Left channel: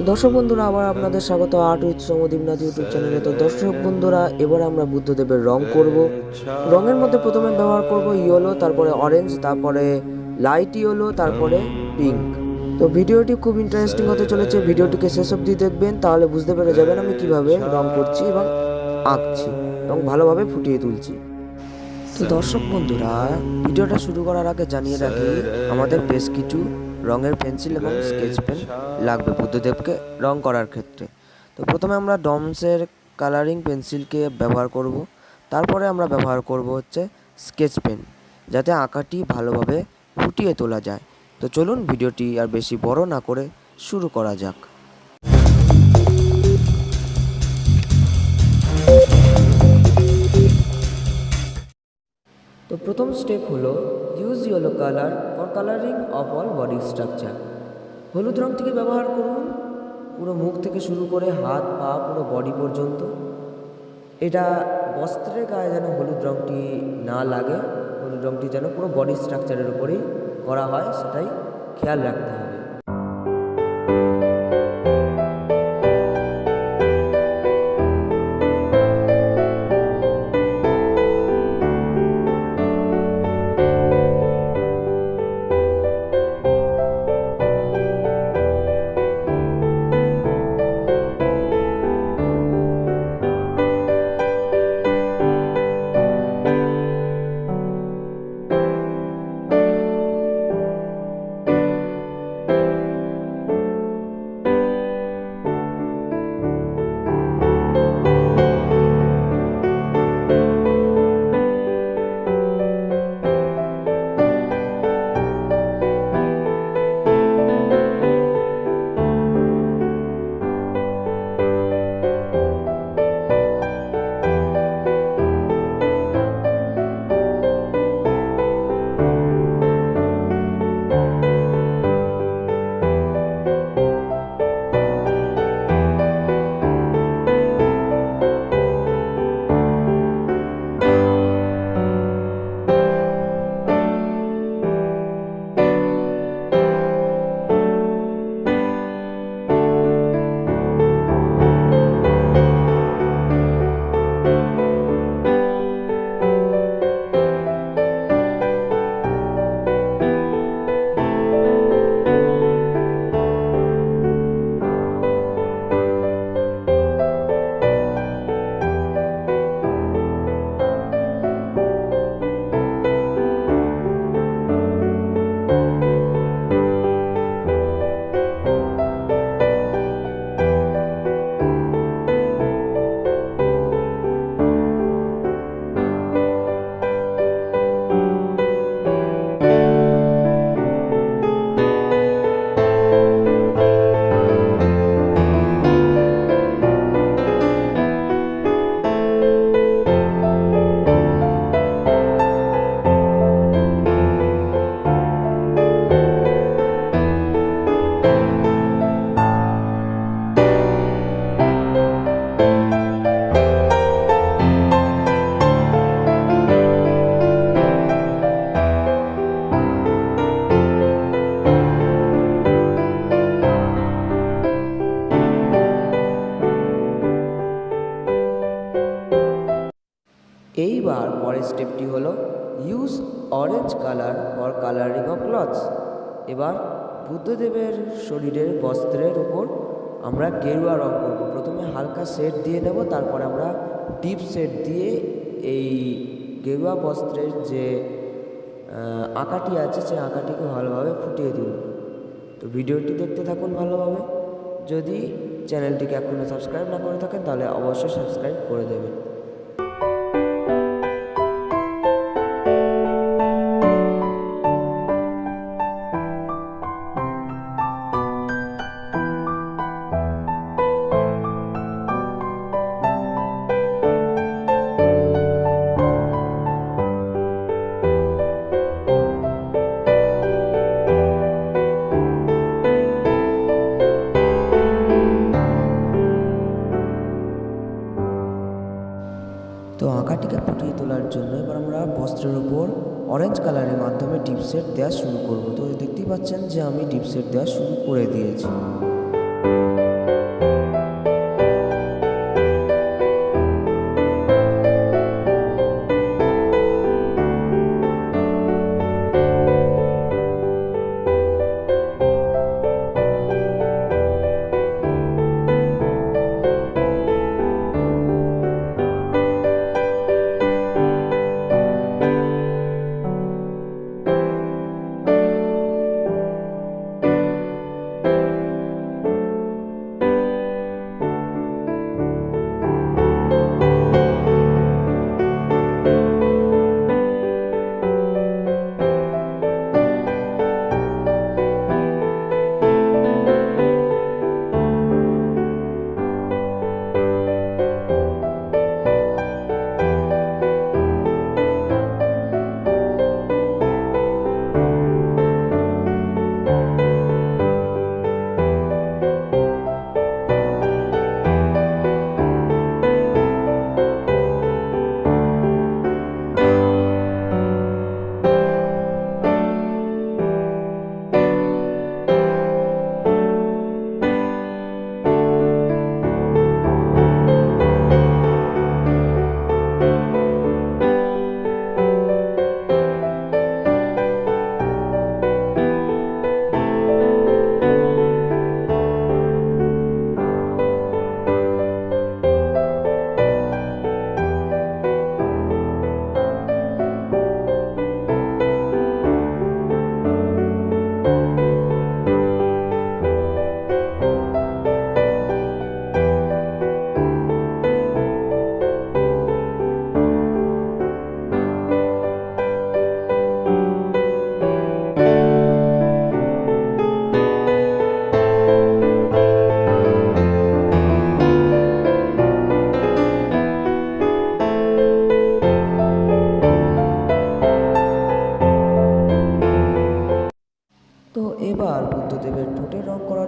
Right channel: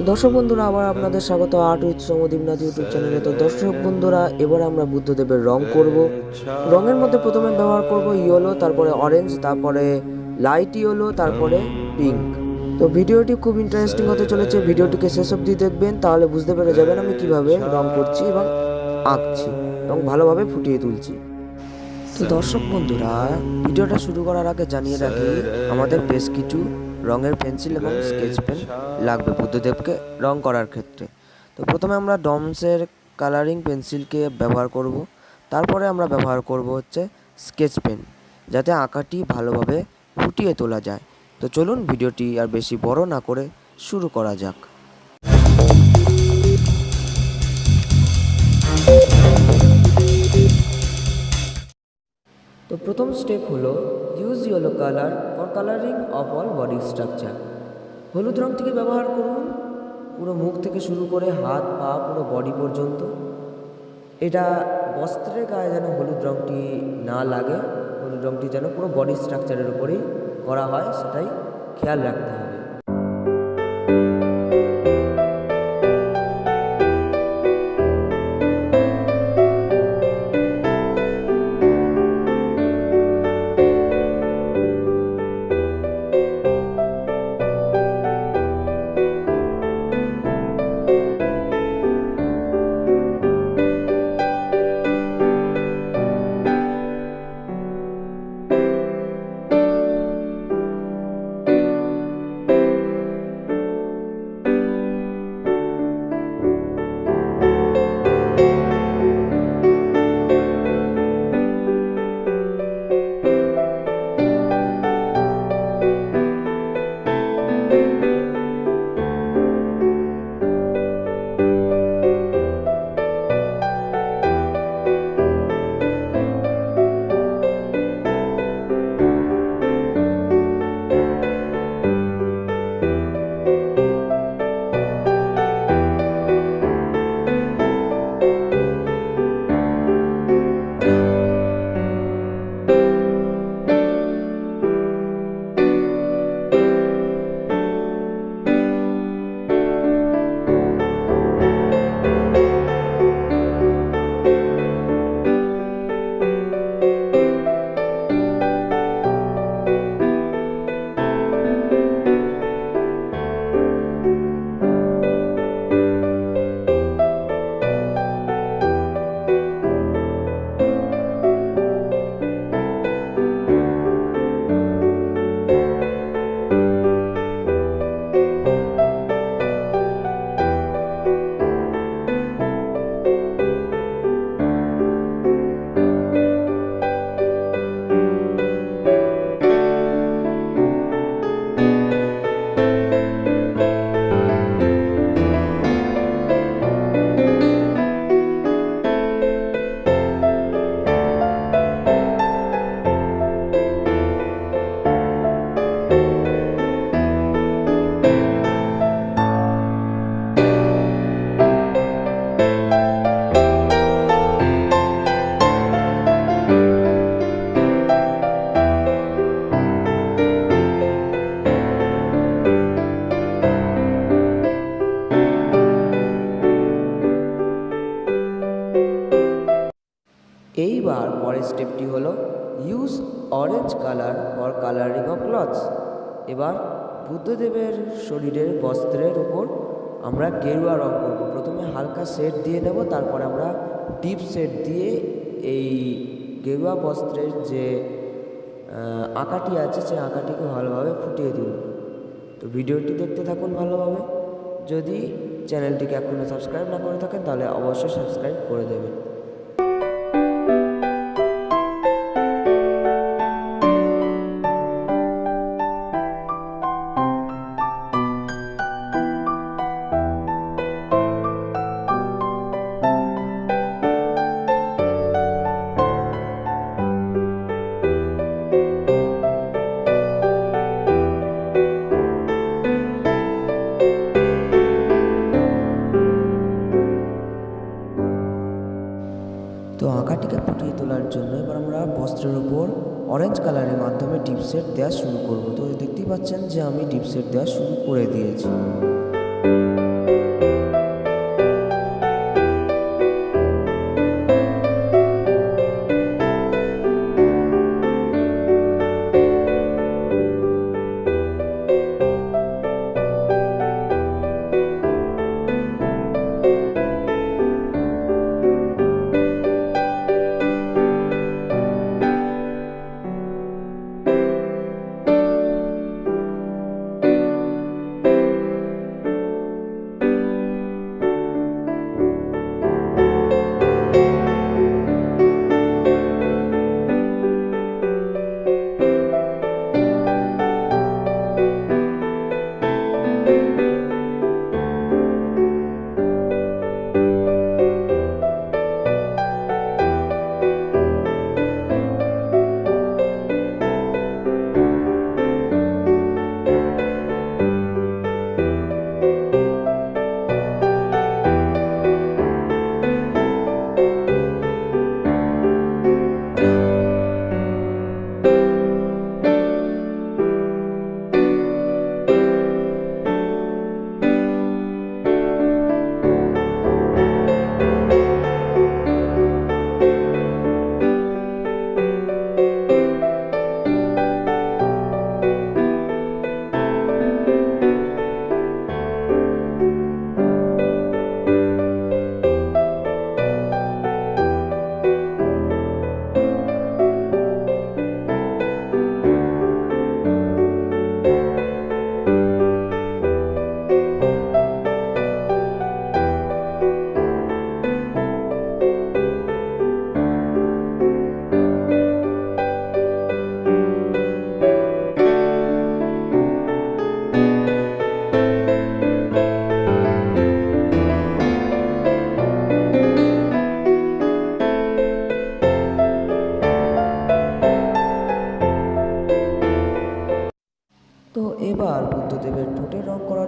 তো দর্শক বন্ধুরা, আবার আপনাদের স্বাগত art with Soumadip Nath YouTube চ্যানেলে। তো দর্শক বন্ধুরা, এবার আমরা বুদ্ধদেবের রং করব। রঙের মধ্যে প্রথমে ব্যবহার করব ইয়েলো, তারপরে অরেঞ্জ, তারপরে লাইট ইয়েলো, তারপরে পিঙ্ক। তো ভিডিওটি খুব ইন্টারেস্টিং হতে চলেছে, ভিডিওটিকে শেষ অবধি দেখবেন, তাহলে বুঝতে পেরে যাবেন আমি কিভাবে রং করছি এবং আঁকছি এবং ভালোভাবে ফুটিয়ে তুলছি। তো দর্শক বন্ধুরা, ভিডিওটা শুরু করার আগে জানিয়ে রাখি, আমাদের বেশ কিছু রঙের পেন্সিল এবং স্কেচ পেন লাগবে বুদ্ধদেবকে রং করার ক্ষেত্রে। তো প্রথমে আমরা ডমসের কালারিং পেন্সিলকে ব্যবহার করব, তারপরে আমরা ব্যবহার করব হচ্ছে স্কেচ পেন, যাতে আঁকাটি ভালোভাবে ফুটিয়ে তোলা যায়। তো চলুন ভিডিওটি আর বেশি বড় না করে শুরু করা যাক। তো প্রথম স্টেপ হলো use yellow colour for colouring of all body structure. হলুদ রঙটিকে ব্যবহার করুন পুরো মুখ থেকে শুরু করে হাত পা পুরো বডি পর্যন্ত। এটা বস্ত্রের গায়ে যেন হলুদ রঙটি না লাগে, হলুদ রঙটি যেন পুরো বডি স্ট্রাকচারের উপরেই করা হয়, সেটাই খেয়াল রাখতে হবে। এইবার পরের স্টেপটি হলো use orange colour for colouring of clothes. এবার বুদ্ধদেবের শরীরের বস্ত্রের উপর আমরা গেরুয়া রং করব। প্রথমে হালকা শেড দিয়ে নেব, তারপরে আমরা ডিপ শেড দিয়ে এই গেরুয়া বস্ত্রের যে আঁকাটি আছে সেই আঁকাটিকে ভালোভাবে ফুটিয়ে তুলব। তো ভিডিওটি দেখতে থাকুন ভালোভাবে। যদি চ্যানেলটিকে এখনও সাবস্ক্রাইব না করে থাকেন তাহলে অবশ্যই সাবস্ক্রাইব করে দেবেন। তো আঁকাটিকে ফুটিয়ে তোলার জন্য এবার আমরা বস্ত্রের উপর অরেঞ্জ কালারের মাধ্যমে ডিপ শেড দেওয়া শুরু করব। তো দেখতেই পাচ্ছেন যে আমি ডিপ শেড দেওয়া শুরু করে দিয়েছি।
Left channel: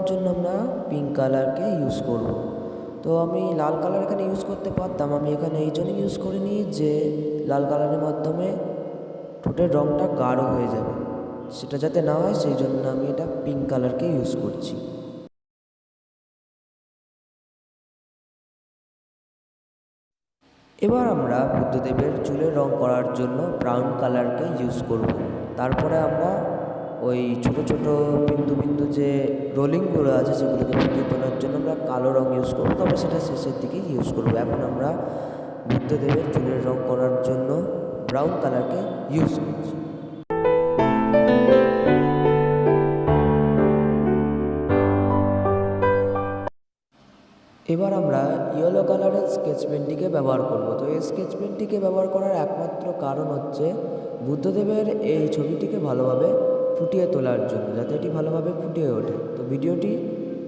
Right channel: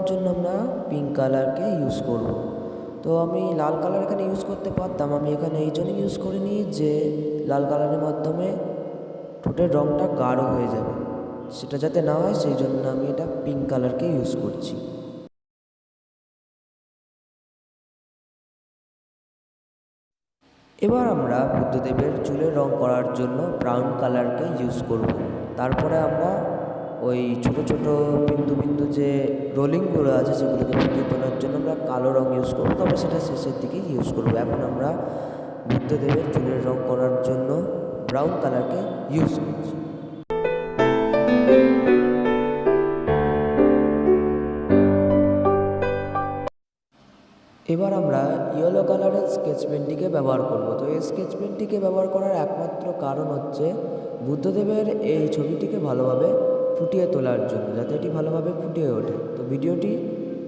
দেওয়ার জন্য আমরা পিঙ্ক কালারকে ইউজ করব। তো আমি লাল কালার এখানে ইউজ করতে পারতাম, আমি এখানে এই জন্য ইউজ করিনি যে লাল কালারের মাধ্যমে ঠোঁটের রঙটা গাঢ় হয়ে যাবে, সেটা যাতে না হয় সেই জন্য আমি এটা পিঙ্ক কালারকে ইউজ করছি। এবার আমরা বুদ্ধদেবের চুলের রং করার জন্য ব্রাউন কালারকে ইউজ করব। তারপরে আমরা ওই ছোট ছোট বিন্দু বিন্দু যে রোলিংগুলো আছে সেগুলোকে ফুটিয়ে তোলার জন্য আমরা কালো রং ইউজ করবো, তবে সেটা শেষের দিকে ইউজ করবো। এখন আমরা বুদ্ধদেবের চুলের রং করার জন্য ব্রাউন কালারকে ইউজ করছি। এবার আমরা ইয়েলো কালারের স্কেচ পেনটিকে ব্যবহার করব। তো এই স্কেচ পেনটিকে ব্যবহার করার একমাত্র কারণ হচ্ছে বুদ্ধদেবের এই ছবিটিকে ভালোভাবে ফুটিয়ে তোলার জন্য, যাতে এটি ভালোভাবে ফুটিয়ে ওঠে। তো ভিডিওটি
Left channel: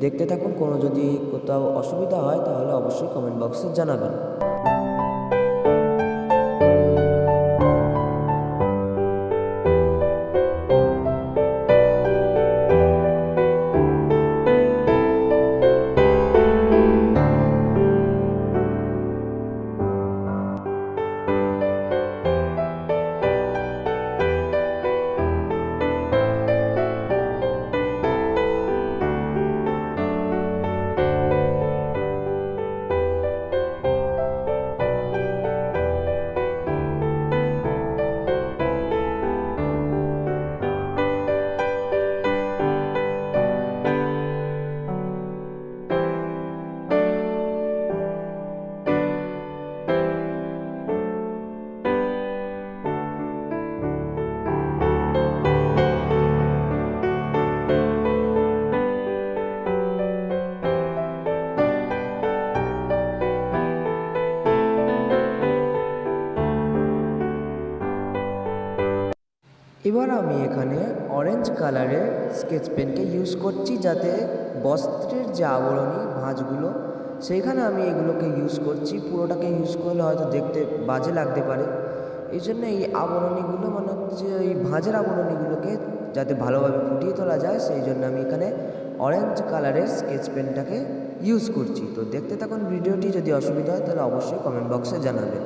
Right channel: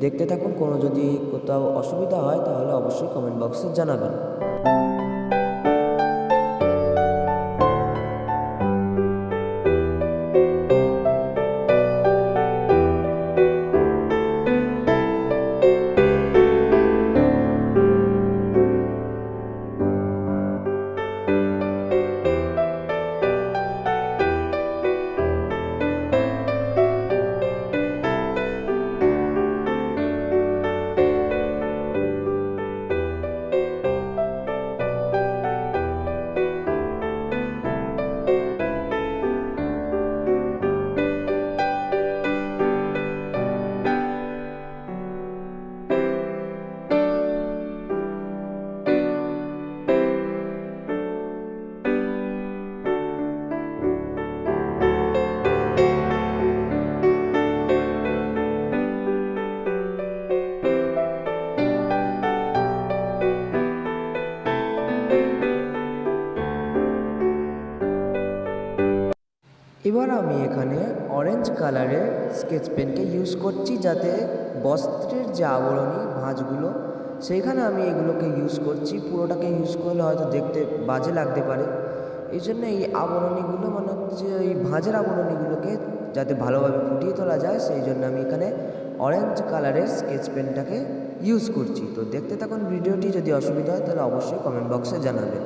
দেখতে থাকুন, কোনো যদি কোথাও অসুবিধা হয় তাহলে অবশ্যই কমেন্ট বক্সে জানাবেন। এবার আমি এখানে অরেঞ্জ কালারের স্কেচ পেনকে ইউজ করছি, যাতে বস্ত্রের যে আবরণী ভাঁজগুলো সেইখানে আমি এগুলোকে ইউজ করছি। পুরোটাকে ইউজ করলে হয়তো দেখতে বাজে লাগতে পারে, এই জন্য এই আবরণীগুলো মানে হচ্ছে এই ভাঁজের আবরণীগুলোকে যাতে ভালোভাবে ফুটিয়ে তোলা যায় সেই জন্য আমি এখানে অরেঞ্জ কালারের স্কেচ পেনটাকে ইউজ করছি। তো দেখতে থাকুন ভিডিওটি, যদি অসুবিধা হয় তাহলে অবশ্যই কমেন্ট বক্সে জানাবেন।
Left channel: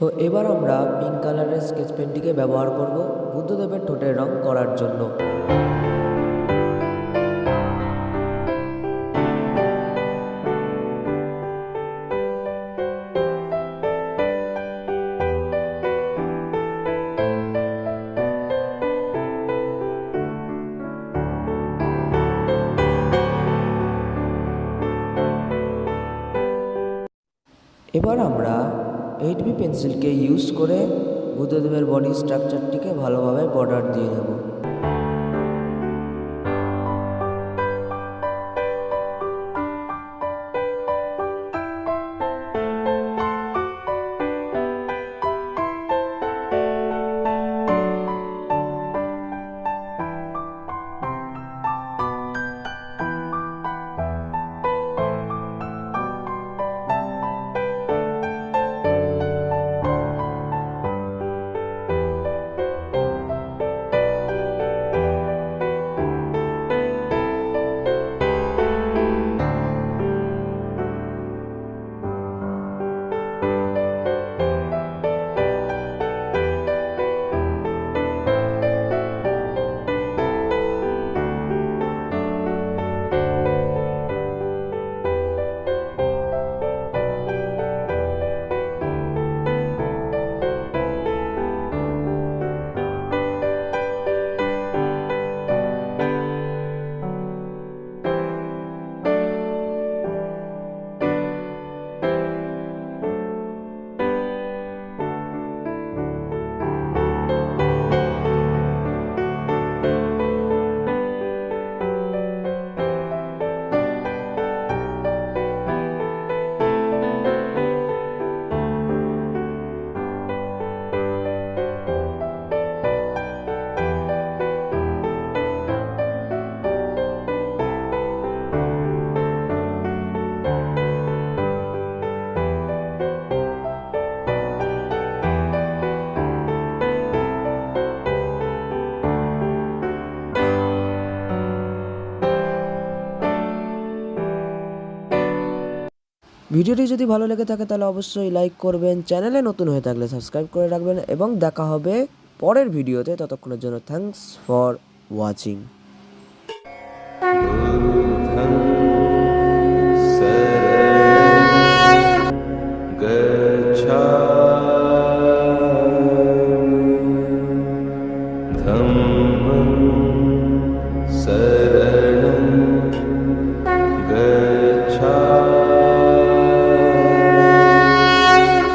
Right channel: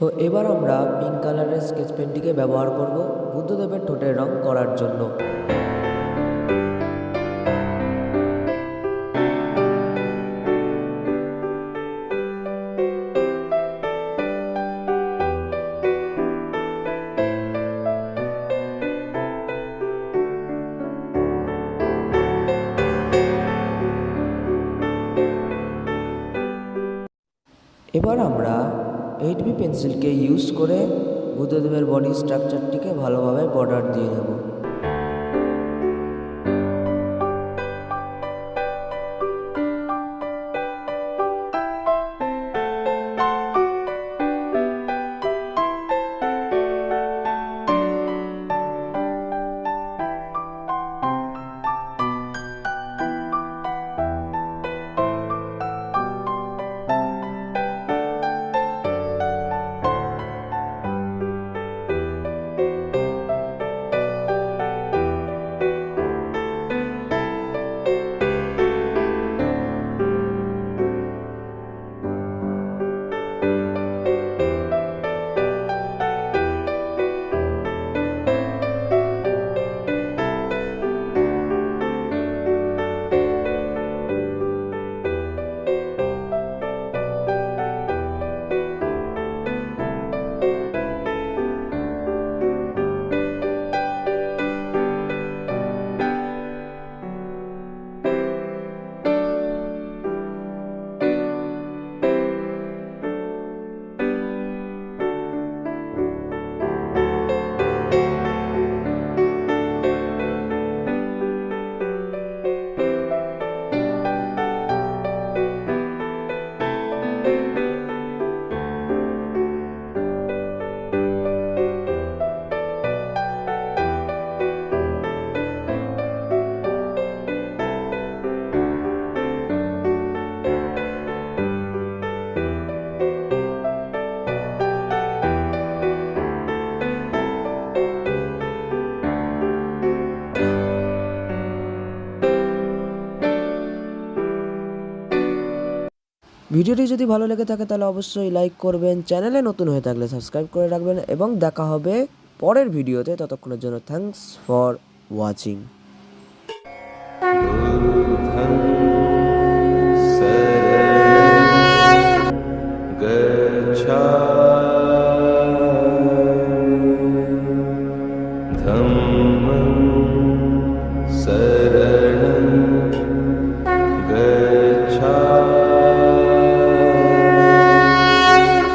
তো এবার আমরা পিঙ্ক কালারের স্কেচ পেনটিকে ব্যবহার করব বুদ্ধদেবের ঠোঁটের রং করার জন্য। এবার আমরা 8B পেন্সিলকে ইউজ করে বুদ্ধদেবের বডি স্ট্রাকচারটিকে ভালোভাবে বর্ডার দিয়ে নেব। ভিডিওটি যদি ভালো লেগে থাকে তাহলে অবশ্যই লাইক করবেন, চ্যানেলে নতুন হয়ে থাকলে সাবস্ক্রাইব করে রাখবেন এবং দেখা হবে পরের ভিডিওতে। ততক্ষণের জন্য থ্যাঙ্কস ফর ওয়াচিং।